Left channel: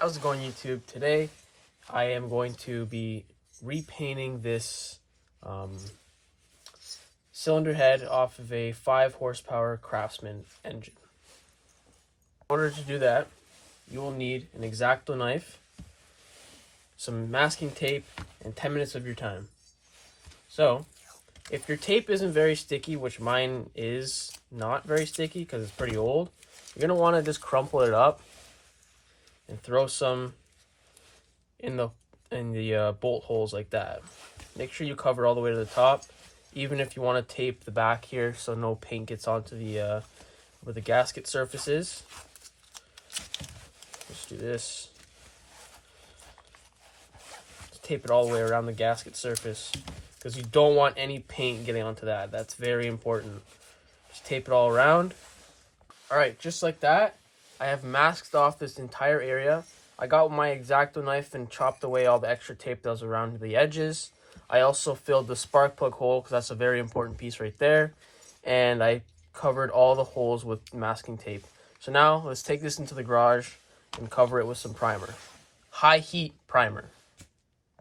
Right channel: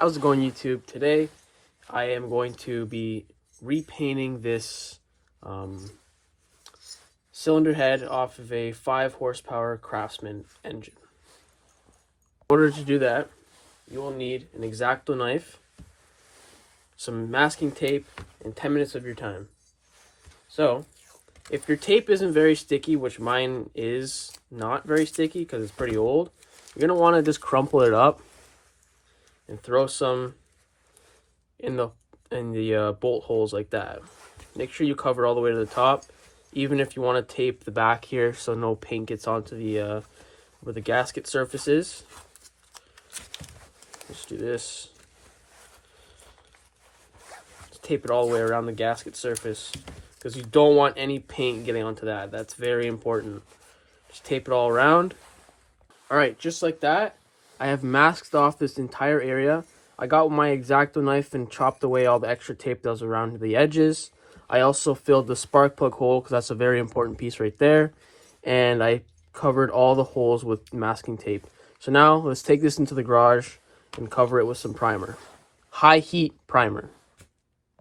How's it going, YouTube? Today I am going to be repainting this cylinder head off of a 5 horsepower Craftsman engine. In order to do that, you will need an X-Acto knife, some masking tape, and 10 minutes of your time. So, if your tape isn't very sticky, which mine is not very sticky because it's pretty old, you're going to want to just crumple it up and throw some in the bolt holes like that. Make sure you cover all the way to the top, even if you want to tape the back here so no paint gets onto the where the gasket surface is. Let's do this. Just tape it all the way around the gasket surface because you don't want any paint getting onto that. That's very important. Just tape it all around. Alright, just like that, I have masked off this entire area. I got my X-Acto knife and chopped away all the extra tape that was around the edges. I also filled the spark plug hole because that's a very important piece right there. And I covered all the holes with masking tape. So now let's take this into the garage and cover it with some primer. High heat primer.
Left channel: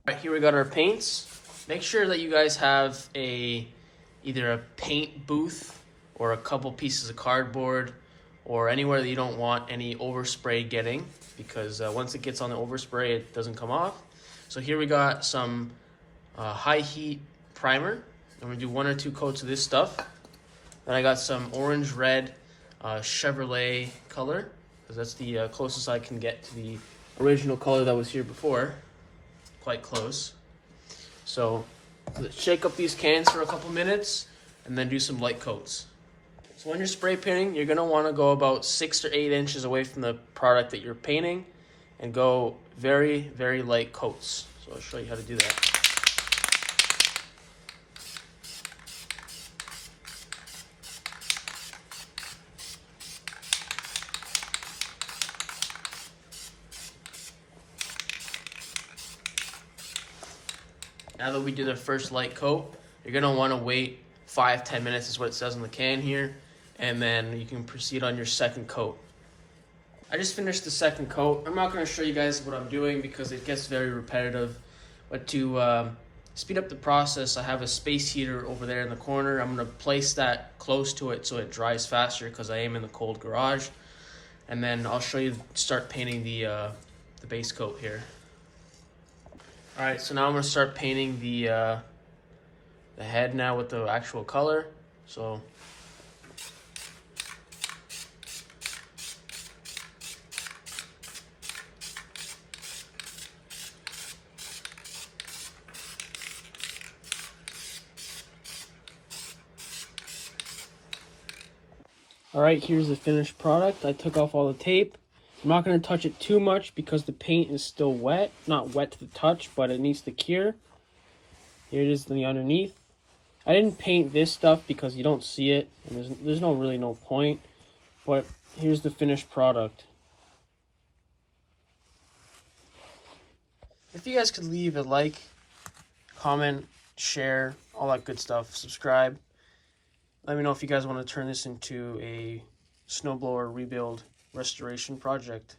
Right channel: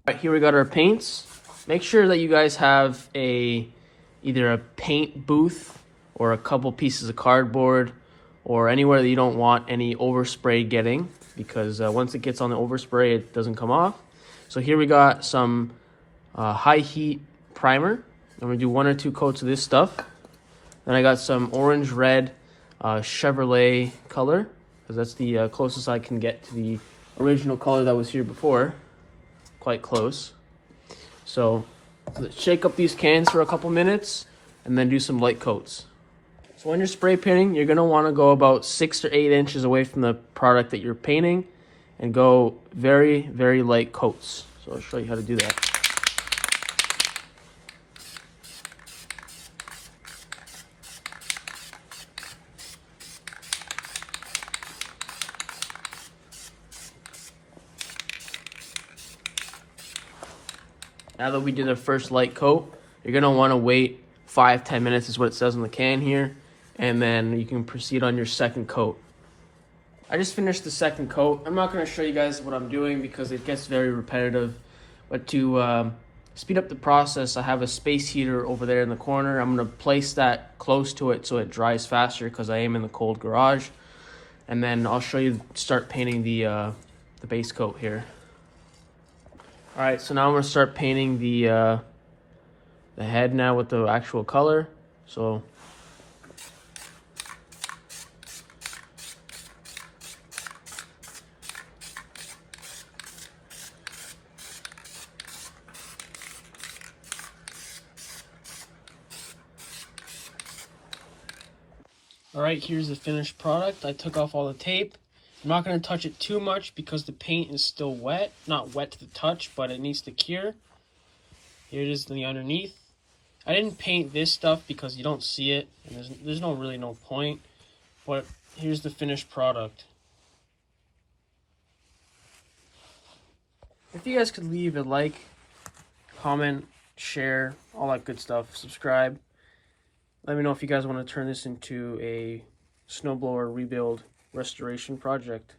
Alright, here we got our paints. Make sure that you guys have either a paint booth or a couple pieces of cardboard or anywhere that you don't want any overspray getting, because once it gets on the overspray, it doesn't come off. So here we got some high heat primer. I'm gonna do 1 or 2 coats of this stuff. Then I got some orange red Chevrolet color, because that's the closest I can get to the original color that was here before. Quite close. So let's shake up these cans for a couple minutes and then do some light coats. So when you're spray painting, you're gonna wanna go about 6 or 8 inches away from the product that you're painting and go very, very light coats. So I'll show you how to do that. Now that we did the first light coat, you're gonna wanna wait 5-10 minutes is what it says on the can here, and then you can proceed on your second coat. I just finished the second coat. I'm not going to show you guys what I'm doing because it gets very repetitive, but to speed up the process, I have a space heater over there in the corner. I'm going to place that close to it so it dries faster because I am in the cold garage, and then I'll show you start painting the base coat here. Alright, so now I'm going to start painting the head now with the actual color. So alright, here's the finished product. I took off all the tape. I'm not going to touch it too much because the paint is still wet. Not wet to the touch, but it needs to cure. Here it is in the underneath. I didn't paint this stuff because you don't see it, and there's really no point. But here's the finished product. If you guys could leave a like, comment, share, all that good stuff, subscribe. Let me know if you guys want to turn this into a snowblower rebuild restoration project.